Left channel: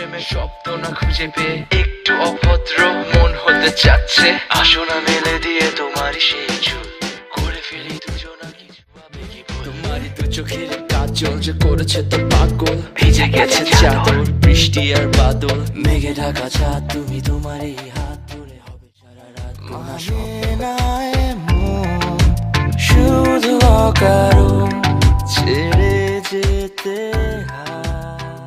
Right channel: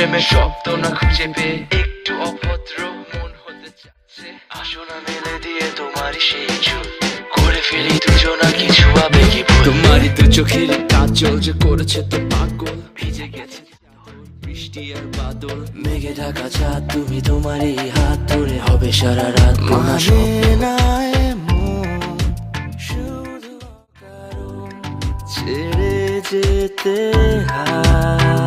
প্রেমের শব্দ না খুঁজে পেয়ে একটু অভদ্র মন হতে চাচ্ছে। আসো না মেলে দিয়ে তোমারই সেই চুল, করে ফেলি দুজনা কিছু আবেগী ভুল। তোমারই দু চোখের কাজল যে করেছে তো পাগল, ভিজে গেছে চাদর বৃষ্টি আর বাদল, মেঘে ঢাকা চাঁদ তুমি তোমারই হাত ধরে হবে সারা রাত। মানে না এমন শুধু অকারণ ছেড়ে যেতে হয়।